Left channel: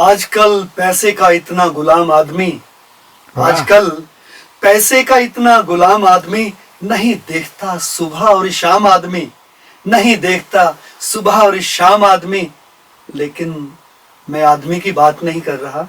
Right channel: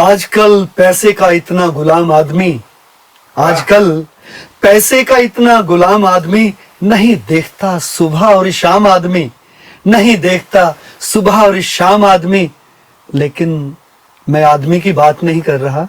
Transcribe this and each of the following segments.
आजकल पैसे का इतना गुलाम आदमी, आजकल पैसे का इतना गुलाम आदमी नहीं देखता सुबह और शाम आदमी, नहीं देखता सुबह और शाम आदमी। लेकिन मैं आदमी की बात नहीं कर रहा,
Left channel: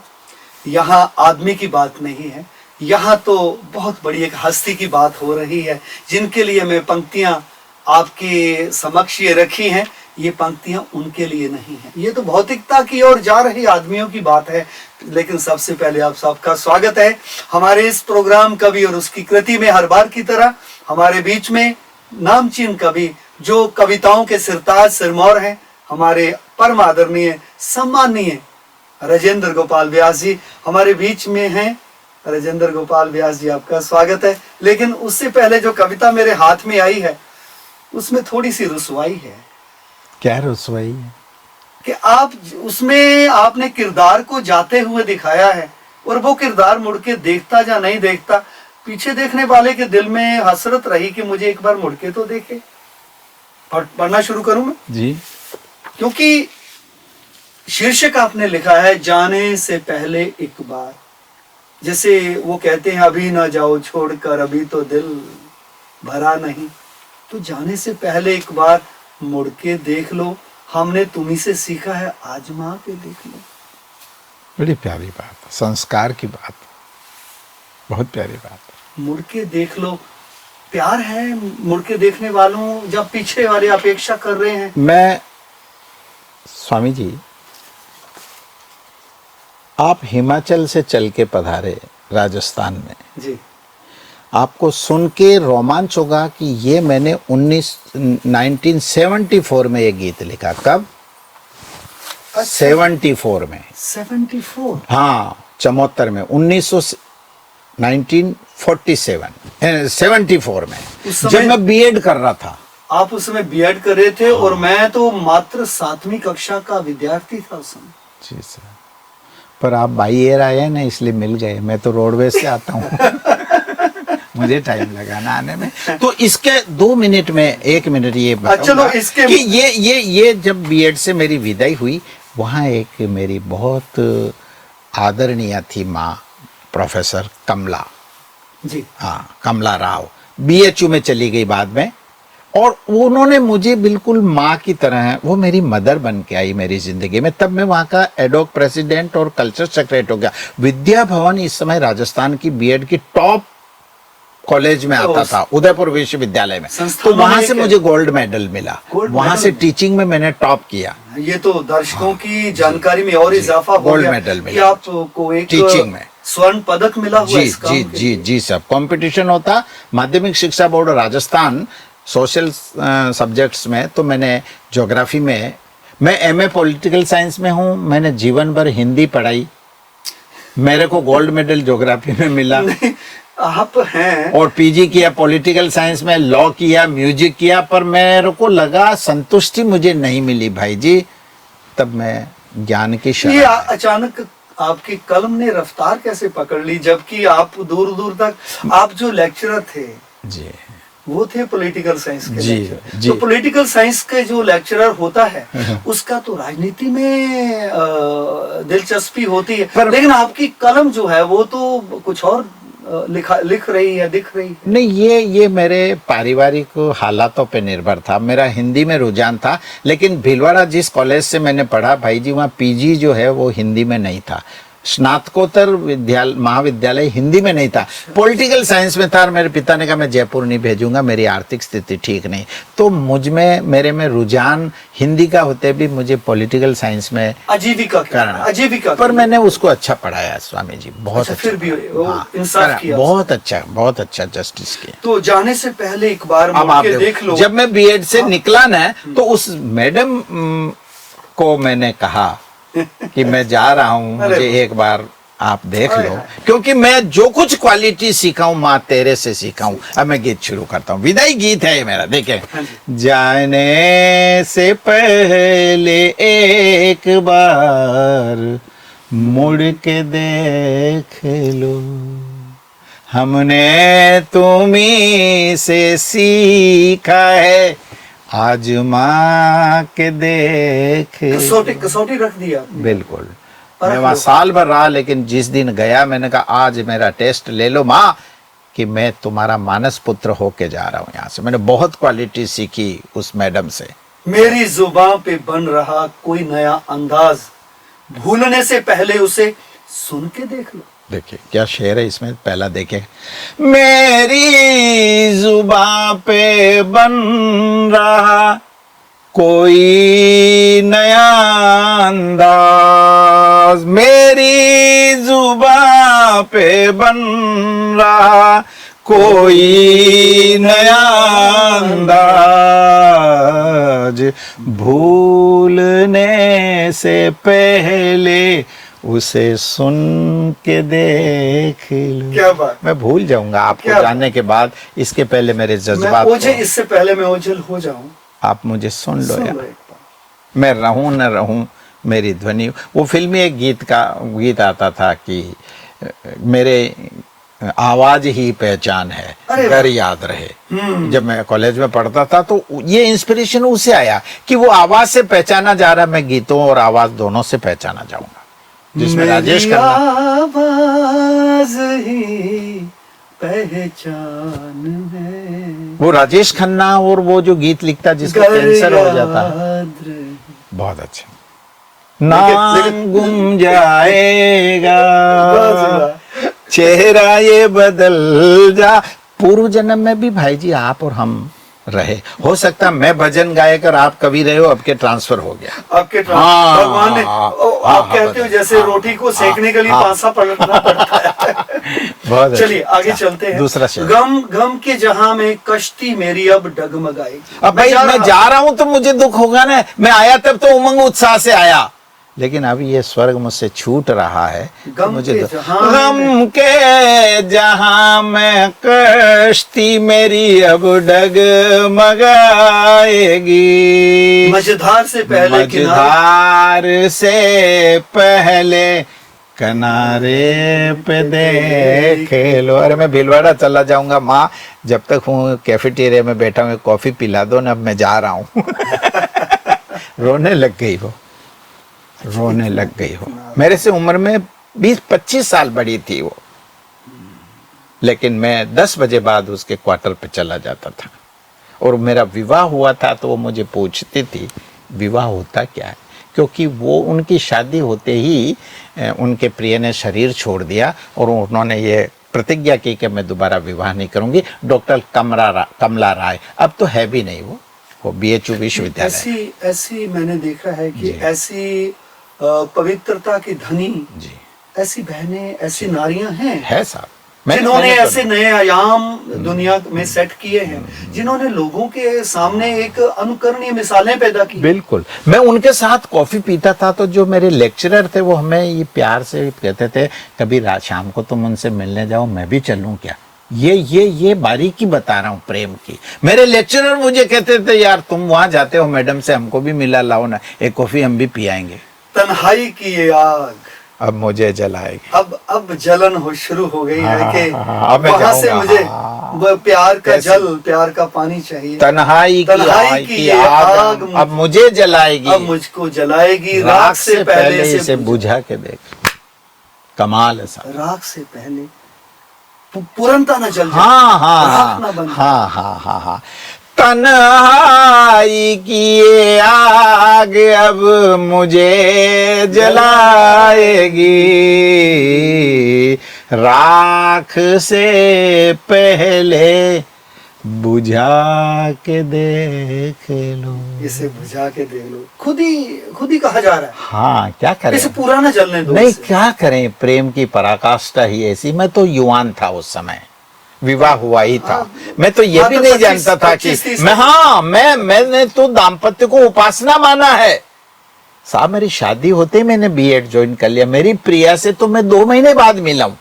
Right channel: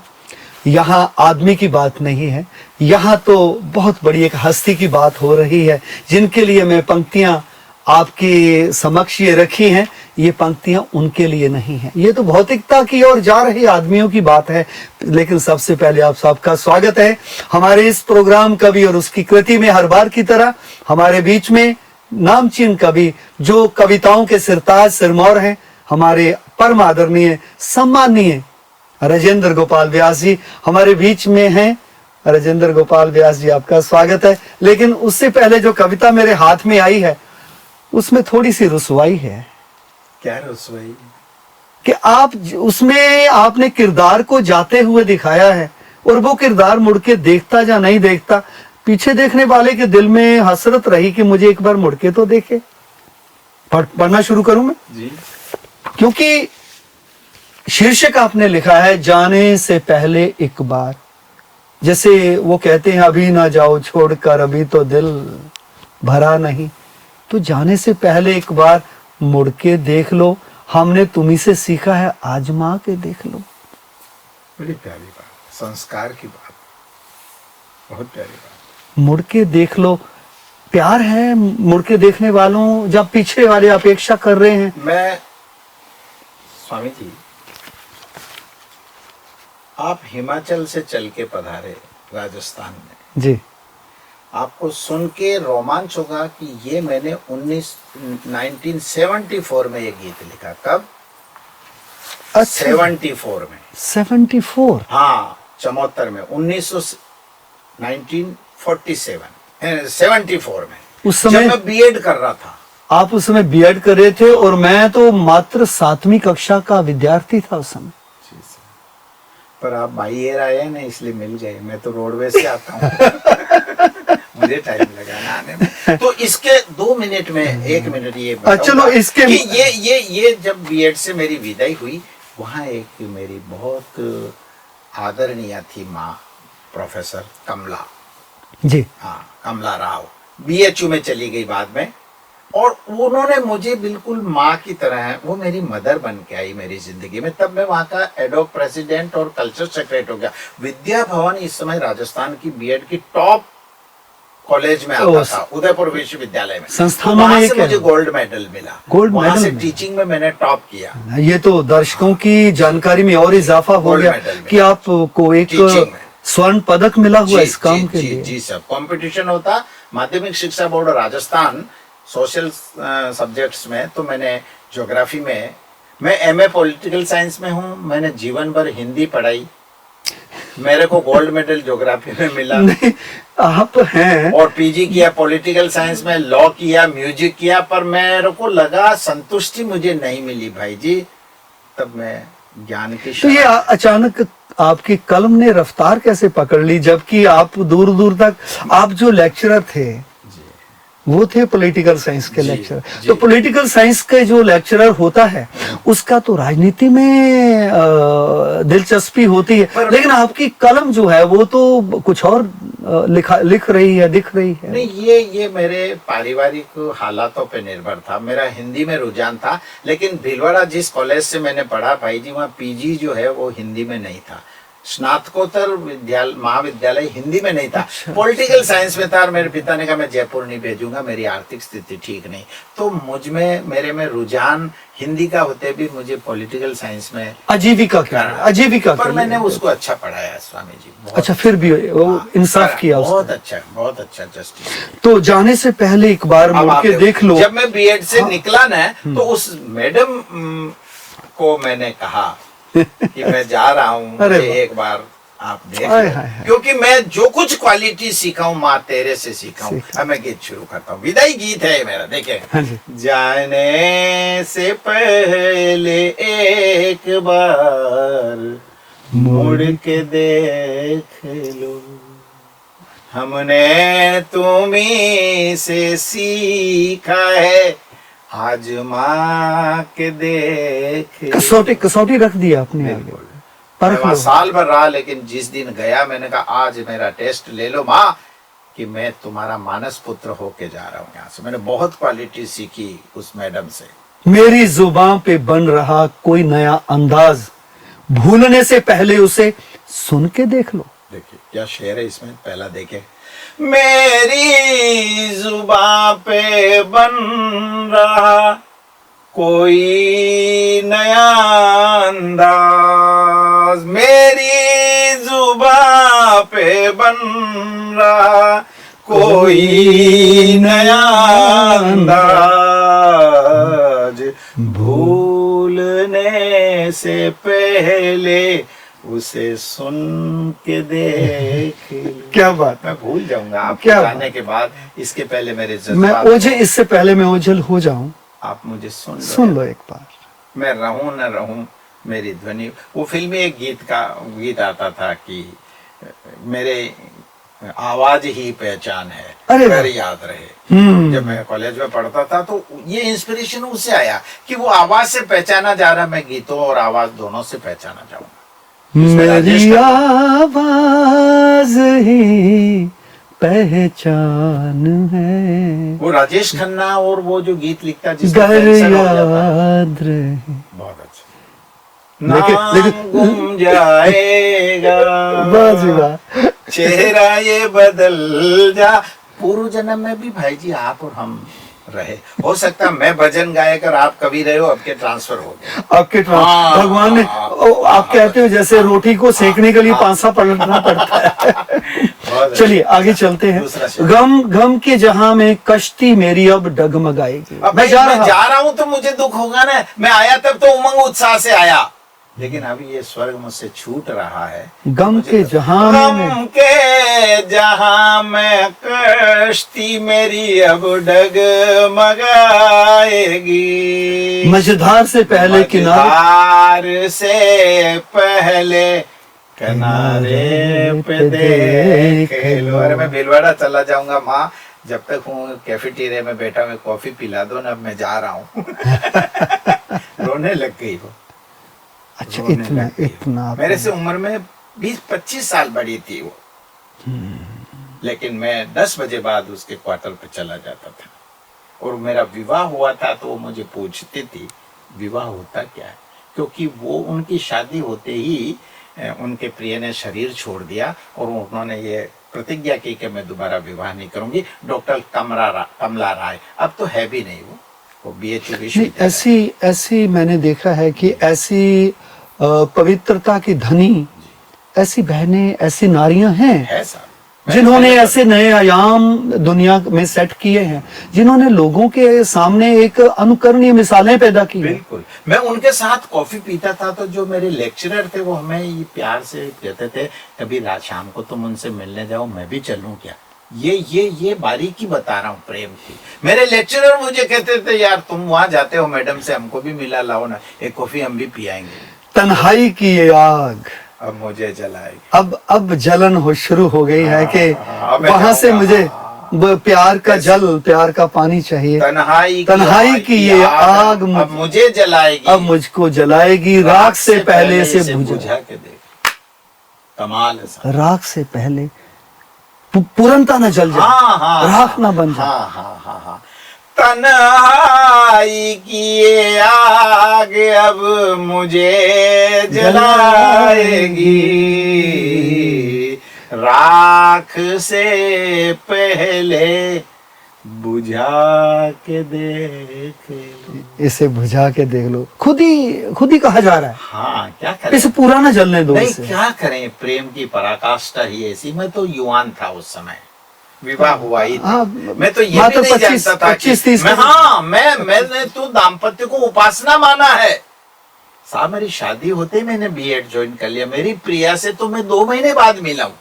यहाँ आदमी की बात नहीं है, यहाँ तो बहुत बड़ी एक हस्ती की बात हो रही है, जिनके लिए मैं पंक्तियां आपके समक्ष ये रखी हैं। ये पंक्तियां उनके लिए नहीं है, ये तो भौतिकता की ओर जा रहे आदमियों की बात है। लेकिन सबसे पहले आप सबका स्वागत है हमारे इस प्रोग्राम कवि और उसकी कृति में। हर बार की तरह हमारे बीच में नामचीन कवि, जो कविताओं के सिरताज सिरमौर हैं, हमारे परम आदरणीय सम्माननीय राजेंद्र गोपाल व्यास जी हमारे बीच में हैं। राजेंद्र गोपाल व्यास जी, आपका स्वागत है। लेकिन उससे पहले जो कविता मेरे हाथ में आई है उसमें थोड़ी सी रुसवाई है। क्या रुसवाई? कि आप उसमें आपने किरदार को जाते हुए दिखाया है, और वो किरदार मुड़ के देखता या नहीं देखता, पीछे देखने वाले के दिल में हसरत रही कि मुझे एक बार मुड़ के तो देखे। पढ़ना शुरू करूं मैं जी? क्योंकि शीर्षक आपने लिखा है जाने से पहले एक बार। जैसे वो कहते हैं अभी ना जाओ छोड़कर, अभी तो दिल भरा नहीं। तो जाने से पहले एक बार मुड़ के देख लो, हमने तुम्ही से सीखा है, आजमा के देख लो। बड़ी प्यारी बात, संस्कार की बात, बहुत प्यारी बात। मुड़ के देख लो, प्यार है मुड़ के देखने वालों, जब पीछे वाले अपेक्षा कर रहे हैं। मैं स्वामी जी, आप हिमाचल से चल के पधारे राजस्थान में जी, आपको सुन के रोमांच होगा कि ये मैंने 1974 में ये गीत लिखा। कब? 74 में। 74? हाँ, चमोत्तर में 1947 में, उस समय जब मैं बीएड कर रहा था। आप उस समय बीएड कर रहे थे और मैं तो मात्र 7वीं कक्षा का विद्यार्थी था उस समय। जी सर, पर आप बाई एयर आए ना, इसलिए मिल गए। मैं तो रोडवेज से आता हूँ मुझे टाइम लगा ना आने में। तो इसके 2 मिनट में 1 मिनट ये चलो इसके कि ये जब बीएड से मेरी विदाई हुई, वहाँ एक मेरी बहुत आदरणीय थी माँ, प्रोफेसर कमला जी, हाँ, कमला राव, बीएचयू में चली गई बाद में, और उन्होंने मुझे बिल्कुल माँ की तरह है, वो मेरी मदर बन के आई मेरी जिंदगी में। तब मैं वहाँ का एडोक प्रेसिडेंट और कल्चर सेक्रेटरी हो गया। विद्या भवन इस समय राजस्थान की बीएड की टॉप कॉलेज में आता था, उदयपुर विश्वविद्यालय में। तो वहां से मुझे गोल्ड मेडल मिला, वहां से टीचिंग में मैंने टॉप किया। ये तो दर्शकों की जानकारी में और इजाफा हो गया कि आपको एक टीचिंग में स्वर्ण पदक मिला हुआ इस काम के लिए। जी सब कंपटीशन होता माध्यमिक शिक्षा बोर्ड राजस्थान सोशल सब्जेक्ट्स में। तो मैंने ज्योग्राफी में, मैं एमए पॉलिटिकल साइंस में हूँ, मैंने जीवन भर हिंदी पढ़ाई, मेरे को गोल्ड मेडल ज्योग्राफी में मिला। नहीं, आप हैं। और पीजी किया पॉलिटिकल साइंस में, लॉ किया, म्यूजिक किया, पर मेरे को लगा संतुष्टि मुझे नहीं मिली भाई जी। तब मैं ज्ञान की ये अचानक आपकी कलम ने रफ्तार कैसे पकड़ ली, जबकि आप दूर दूर तक, आप जो लेक्चरर थे जी, वो थे पॉलिटिकल साइंस के जी, लेक्चरर। जी। तो पॉलिटिकल साइंस के जो लेक्चरर होता है उसका तो राजनीति में दिलचस्पी होती है, लेकिन आपकी कलम जो है वो तो कुछ और लिख रही है, दिख रही है। नहीं, ये मेरे पारिवारिक हालातों पे निर्भर था। मेरा हिंदी में रुझान था, लेकिन भीलवाड़ा जिस कॉलेज से मैंने पढ़ा भाई जी, वहाँ पीजी जो है वो हिंदी में नहीं था, स्नातकोत्तर महाविद्यालय हिंदी में नहीं था, पॉलिटिकल साइंस में था। और मेरे पिता ने कहा मैं जयपुर नहीं भेजूंगा, मेरी आर्थिक स्थिति ठीक नहीं। तो मुझ में, मेरे में रुझान हिंदी का होते भी मुझे पॉलिटिकल साइंस में आजीविका पर मैंने उसको अच्छा पढ़ाया स्वामी जी, बहुत अच्छा। फिर भी इंसाफ किया, बहुत अच्छा जस्टिस किया। तो जाने से पहले एक बार मुड़ के देख लो। जब मैं बीएड से निकला ना, तो उस मैडम को मैंने कहा कि मैं जा रहा हूँ, मुझे एक बार आप देख लो, क्योंकि मैं जो कुछ क्वालिटी सीखा हूँ माँ तेरे से सीखा हूँ। अब मैं गीत शुरू करता हूँ, विदाई गीत है मेरा। देखे, जाने से पहले एक बार मुड़ के देख लो, हमने तुम्हीं से सीखा है, आजमा के देख। कसौटी रख दी आपने। बिल्कुल। मैं वहाँ साल भर रहा, लेकिन जिस दिन गया मैंने कहा आज मेरा टेस्ट ले लो माँ, कि मैं तुम्हारा मानस पुत्र होके जा रहा हूँ यहाँ से। मैंने बहुत क्वालिटी सीखी उस मैडम से। मेरी जुबान पे बन रहा कोई नया अंदाज, भूलने से पहले उसे सुन के देख लो। देखिए क्या शेर है इसमें, पहला देखें। मेरी जुबान पे बन रहा कोई नया अंदाज, मेरी जुबान पे बन रहा कोई नया अंदाज, भूलने से पहले उसे सुन के देख लो। क्या बात, मैं भूल जाऊंगा आपको क्या जाने के बाद, इसके पहले मेरे मैं जज्बात ओझल, इससे पहले मैं ओझल हो जाऊं, आप मुझे सुन लो सुन यार। लो एक बार। मैं रहूं न रहूं मेरी ध्वनि, वो फिल्मी एक गीत आता था कि मेरे आवाज ही पहचान है, अरे घर याद रहे। जब मैं कॉलेज में पढ़ता था तो ये इंस्पिरेशन उससे आया कि वो आवाज से पहचाना जा रहा, मैं गीतों और आवाज दोनों से पहचाना जाऊंगा। जिसमें राजेश मेरी खन्ना, आवाज ही पहचान है, वो राजेश खन्ना, और वो जो गीत लिखता जिसका घर कैंसर हो जाता है, याद रहे। बहुत अच्छे। नाम गुम जाएगा, बस वाह। चेहरा ये बदल जा। पूर्व जन्म में भी भाई जी आप और हम रहे, हो सकता है मैं भजन गायक और आप कवि रहे हो, आपके ट्रांसफर हो गया। आपके हाँ, भगवान ने आप कहते हो जैसे रोटी को सेकने के लिए पांसा पलटना पड़ता है। बहुत चलिए अच्छा। आगे चलते हैं। दूसरा शेर। गम गम के जहां में कश्ती मेरी अब डगमगाएगी। अब भाई मैं जा रहा हूं तो मुझे दुख होगा ना, मैं आया तब तो उमंग उत्साह से आया, लेकिन अभी ये स्वर्ग मुझसे छूट रहा है। गम के जहां गम के जहां में कश्ती मेरी अब डगमगाएगी, मझधार से पहले किनारे, मझधार से पहले किनारे पे देख लो। अरे मैं भीलवाड़ा चला जाऊंगा माँ, जब तक हूँ कैफेटेरिया में बैठा हूँ कॉफी पिला दो ना, मैं जा रहा हूँ। रोने लग गई वो, रोने लग गई वो। मेरे से उम्र में 20-25 साल बड़ी थी वो, लेकिन मैं 10 बजे बाद उसके क्वार्टर पे चला जाता था। और मेरा विवाह हुआ था तो वो मुझे पूछती थी विवाह होता क्या है, क्योंकि वो उनकी शादी होते ही उनके प्रिय ने शरीर छोड़ दिया और उन्होंने ये प्रतिज्ञा की कि मैं दोबारा विवाह नहीं करूंगी। डॉक्टर कमला राय, अब तो है भी नहीं, वो BHU विश्वविद्यालय। ऐसी मैंने देखा है कि ऐसी पवित्रता की धनी जी ऐसी बहनें, ऐसी नारियां हैं है साहब, जिन्होंने ऐसे नए आयाम दुनिया में सेट किए हैं, जिन्होंने लोगों के सामने एक अनुकरणीय मिसालें पैदा की। बिल्कुल। मैं उनके साथ कॉफी पीता था तो जो मेरे लेक्चरर थे वो हमें ये प्यार से कहते थे कभी रात शाम को तुम उनसे मिलने जाओ, मैं भी चलूं क्या। ये बारीकी बता रहा हूँ प्रेम की। मेरे लेक्चरर मुझे कहते थे यार तुम वहां जाते हो मैडम से, हमको भी मिला लाओ ना, एक कॉफी हम भी पियाएंगे। तन्हाई की ये आग अब मुझे जलाएगी, अब जलन हो शुरू हो गई है कि मैं वहां से जाऊंगा। मुझे वो प्यार का जल, प्यार का पानी चाहिए। तन्हाई की ये आग अब मुझे जलाएगी, अब मुझको जलाएगी, राख से पहले से बुझा के देख। कमाल है साहब। राख से पहले पुरनता न जल जाए, हाँ राख ना बन जाए। हाँ। तन्हाई की ये आग अब मुझे जलाएगी, राख से पहले बुझा के देख लो। इसे बुझा के देख लो, खुद ही कहा जा रहा है। हाँ क्या करें, इसे पूरा ना जलने दो। नहीं इसे। क्या करें, प्रेम की पराकाष्ठा ही ऐसी। मैं तो युवान था उस समय, विवाह हुआ ही था। मैं तो ये भी नहीं जानता था कि मैंने तो दाम्पत्य को उपासना माना है साहब। मेरी शादी होते ही मैंने B.Ed ज्वाइन कर लिया। मेरी प्रिया से तो मैं 2 महीने बाद मिला हूँ,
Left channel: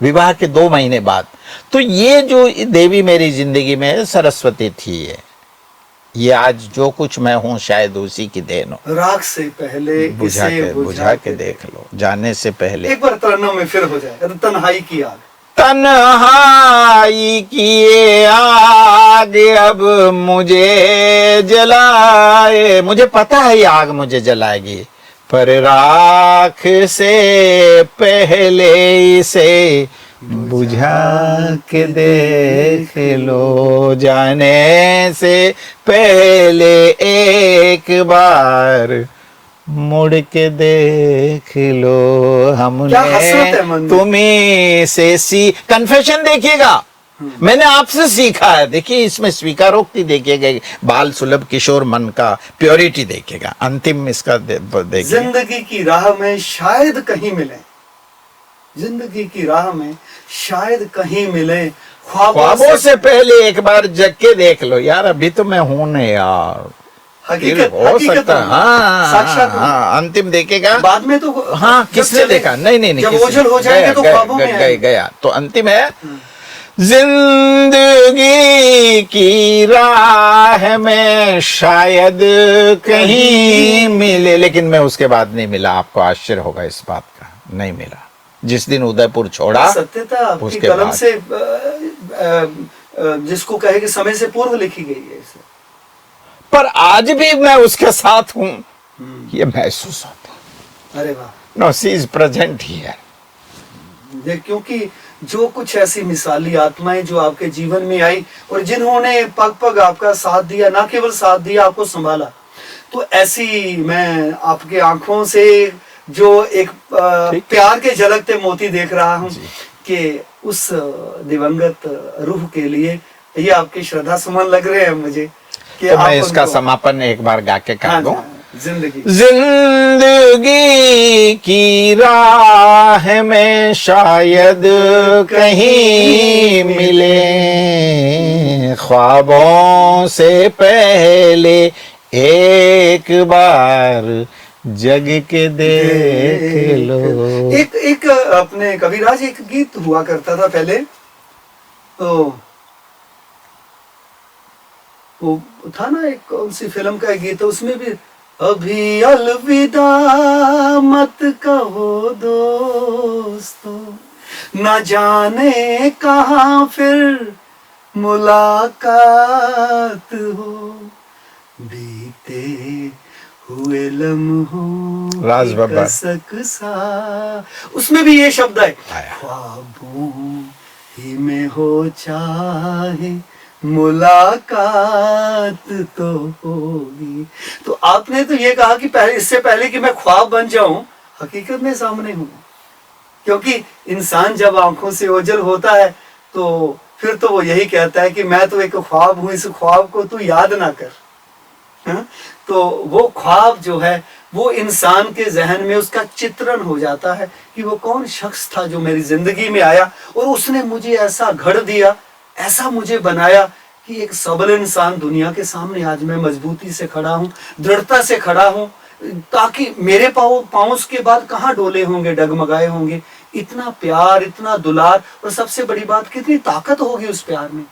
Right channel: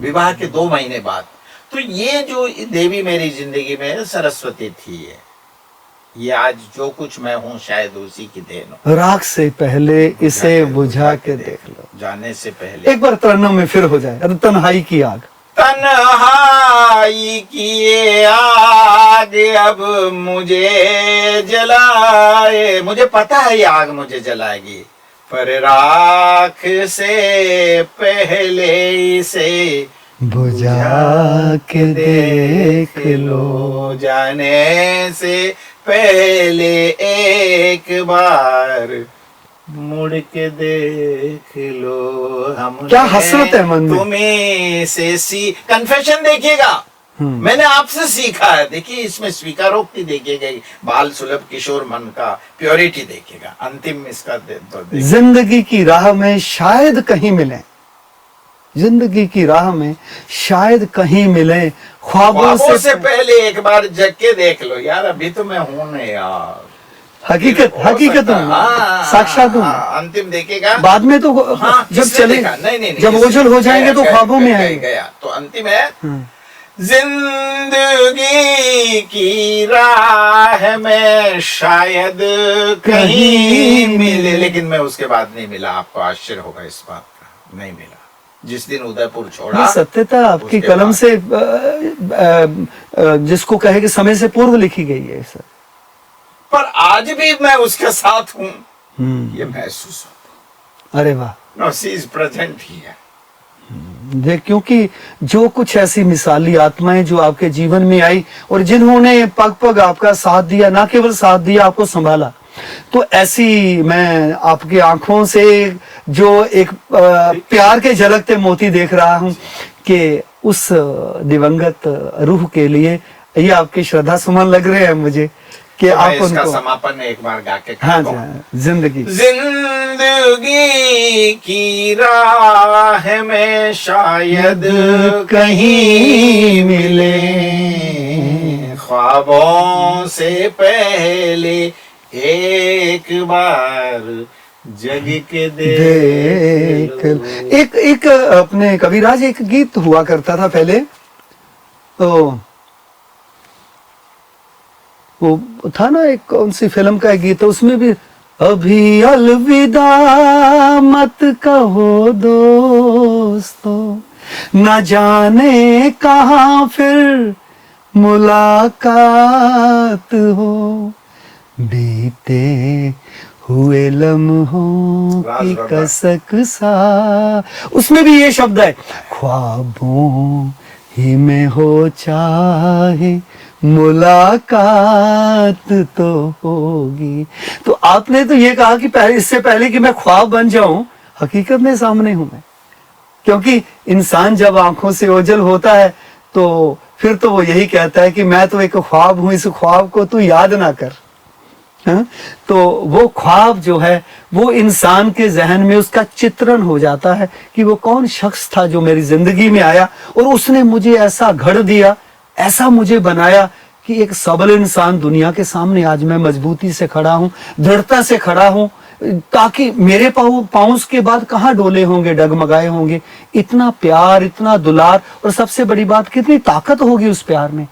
विवाह के 2 महीने बाद। तो ये जो देवी मेरी जिंदगी में सरस्वती थी, ये आज जो कुछ मैं हूँ शायद उसी की देन हो। राख से पहले इसे बुझा के देख लो, जाने से पहले। एक बार तरन्नुम में फिर हो जाए, तन्हाई की आग। तन्हाई की ये आग अब मुझे जलाए, मुझे पता है ये आग मुझे जलाएगी। पर राख से पहले इसे बुझा के देख लो, जाने से पहले एक बार मुड़ के देख लो। हमने क्या हसरत है मन में। तुम्हें से कन्फेशन देखिएगा, मैंने आपसे सीखा है। देखिए इसमें स्वीकारोक्ति देखिएगा, बाल सुलभ किशोर मन का प्योरिटी देखिएगा। अंतिम इसका देखिए, जिंदगी की राह में शायद कहीं मिले, जिंदगी की राह में शायद कहीं मिले, ख्वाबों से पहले एक बार जग के देख लो। यार अभी तो मैं हूं नहीं यार, हकीकत हो हकीकत सकता है। हूँ, हाँ, साक्षात हूँ। हाँ, अंतिम देखेगा बाद में तो हाँ जब किससे चलेगा, देखा? नहीं नहीं नहीं, जब किससे? ओझल हो जाएंगे तो गया, ख्वाबों में गया, आएंगे। गया तो अंतिम है, जिंदगी की राह में शायद कहीं मिले, लेकिन मैं उसके बाद नहीं मिला। आपको आश्चर्य होगा इस बात का, नहीं मिला। जिस दिन उदयपुर छोड़ा, ये सत्यता आपकी उसके कलम बाद। से जिसको कहे कि समय से पूर्व लिखी गई है सर। पर आज भी मैं उसके साथ हूं, ये महसूस होता अरे वाह। है। No, she is present here. क्योंकि जो कुछ ऐसी मिसाली आत्माएं जो आपके जीवन में आई और जिन्होंने पग पग आपका साथ दिया, ना केवल साथ दिया, आपको संभाला, तो ऐसी मैं आपकी आंखों से जो एक प्यार के झलकते मोती देख रहा हूं कि उस दिवंगत रूह के लिए ये आपके श्रद्धा सुमन लग रहे हैं मुझे कि तो आप मैं इसका उनको- समापन एक बार गा के कर हाँ, दूं। जिंदगी जिंदगी की राह में शायद कहीं मिले, ख्वाबों से पहले एक बार जग के देख लो। एक अपने कविराज एक गीत हुआ करता था पहले, तो वो था ना, एक कौन सी फिल्म का एक गीत है, उसमें भी अभी अलविदा मत कहो दोस्तों, न जाने कहाँ फिर मुलाकात हो, बीते हुए लम्हों राज की बाबा। कसक सा, उसमें भी ये शब्द है, ख्वाबों ही में हो चाहे मुलाकात तो होगी। तो आपने तो ये कहा कि पहले, इससे पहले कि मैं ख्वाब बन जाऊं, हकीकत में सामने हूं मैं। क्योंकि इंसान जब आंखों से ओझल होता है तो फिर तो वो यही कहता है कि मैं तो एक ख्वाब हूं, इस ख्वाब को तू याद ना कर। हाँ? तो वो ख्वाब जो है वो इंसान के जहन में उसका चित्रण हो जाता है कि वो कौन शख्स था जो मेरी जिंदगी में आया और उसने मुझे ऐसा घड़ दिया, ऐसा मुझे बनाया कि एक सबल इंसान दुनिया के सामने आज मैं मजबूती से खड़ा हूं, दृढ़ता से खड़ा हूं, ताकि मेरे पाँव के बाद कहाँ डोले होंगे, डगमगाए होंगे। इतना प्यार, इतना दुलार, और सबसे बड़ी बात कितनी ताकत होगी उस प्यार में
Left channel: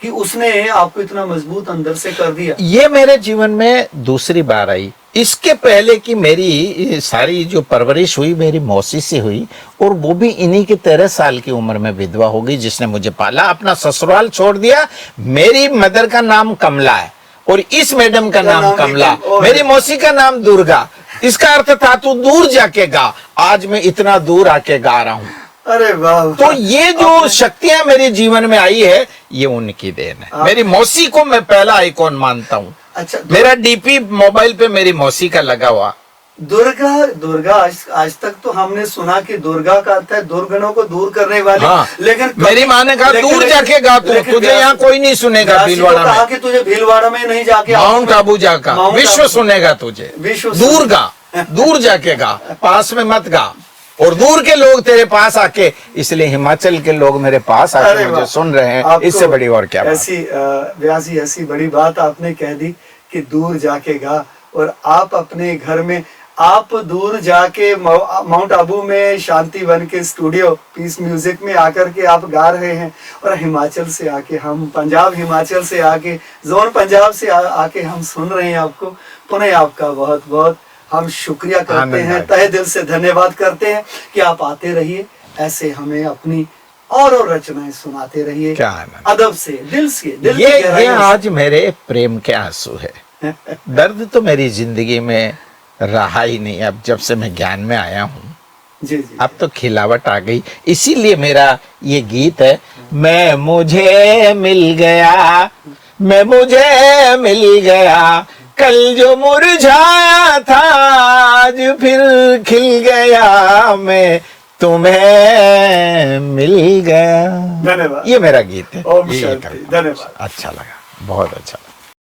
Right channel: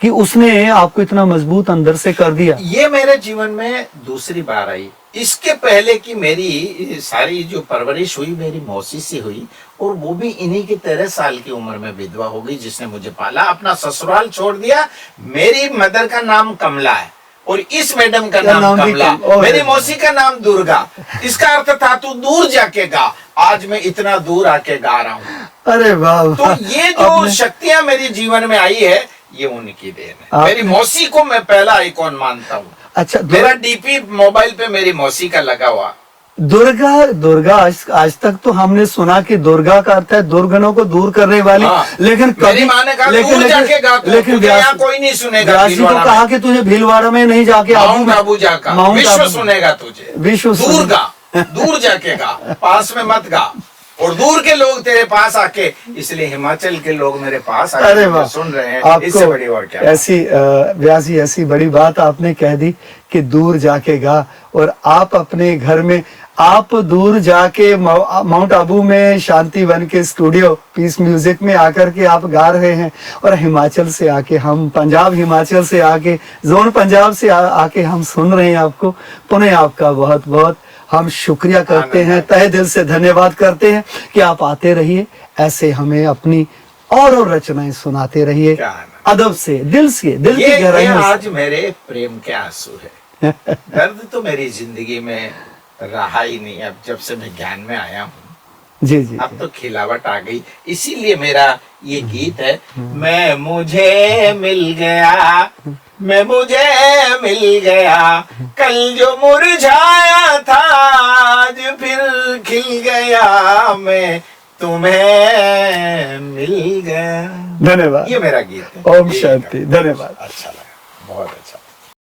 कि उसने आपको इतना मजबूत अंदर से कर दिया। ये मेरे जीवन में दूसरी बार आई। इसके पहले की मेरी सारी जो परवरिश हुई मेरी मौसी से हुई, और वो भी इन्हीं के 13 साल की उम्र में विधवा हो गई, जिसने मुझे पाला, अपना ससुराल छोड़ दिया। मेरी मदर का नाम कमला है और इस मैडम का नाम कमला, मेरी मौसी का नाम दुर्गा। इसका अर्थ था तू दूर जाके गा। आज मैं इतना दूर आके गा रहा हूँ। अरे वाह। तो ये जो शक्तियां मेरे जीवन में आई है, ये उनकी देन है। मेरी मौसी को मैं पहला आइकॉन मानता हूँ। अच्छा, मेरा डीपी मोबाइल पे मेरी मौसी का लगा हुआ। दुर्गा आज तक तो हमने सुना कि दुर्गा का अर्थ है दुर्गुणों को दूर करने वाली। हाँ, लेकिन मेरी माँ ने कहा दूर जाके गा, तुझे यहाँ कोई नहीं सुनेगा। तो भीलवाड़ा कहा में कि तुझे भीलवाड़ा में नहीं जाके माउंट आबू जाकर माउंट विश्व आबू। सुनेगा तुझे। विश्व दूर सुनेगा। गा, दूर जाके गा, पास में मत गा। और दूर के लोग तेरे पास आके, इसलिए हिमाचल के लोग मेरे पास आके मुझे सुन रहे हैं। इससे बड़ी और क्या बात? ऐसी व्यास जी, ऐसी बड़ी बात आपने कह दी कि दूर जाके गा। और आप अपने घर में, आप दूर जाके माउंट आबू में शांति वन के स्टूडियो पीस म्यूजिक में आकर के आप गा रहे हैं, और हिमाचल से आके हम, पंजाब हिमाचल से आके, जोन पंजाब से आके हम सुन रहे हैं आपको। पुनः आपका बहुत बहुत हम शुक्रिया करते हैं, तहे दिल से धन्यवाद करते हैं कि आप आते रहिए, ऐसे हमें अपनी और रचनाएं सुनाते रहिए, अदब से, दिल की गहराई से। आज मेरे प्रेम के आंसू है। दर्द तो मेरी जिंदगी में रहा ही नहीं। अब जब से मैं ज्ञान में आया हूँ, जी जी अब तो खिलावट आ गई। इसीलिए मेरा ये गीत है, मैं मुझे मिल गया, मैं मुझे मिल गया, कल जो मुरझाया था आज फिर खिल गया, मैं तुम्हें मिल गया। धन्यवाद। ये मेरा गीत है। ओम शांति। धन्यवाद। अच्छा लगा, बहुत अच्छा लगा।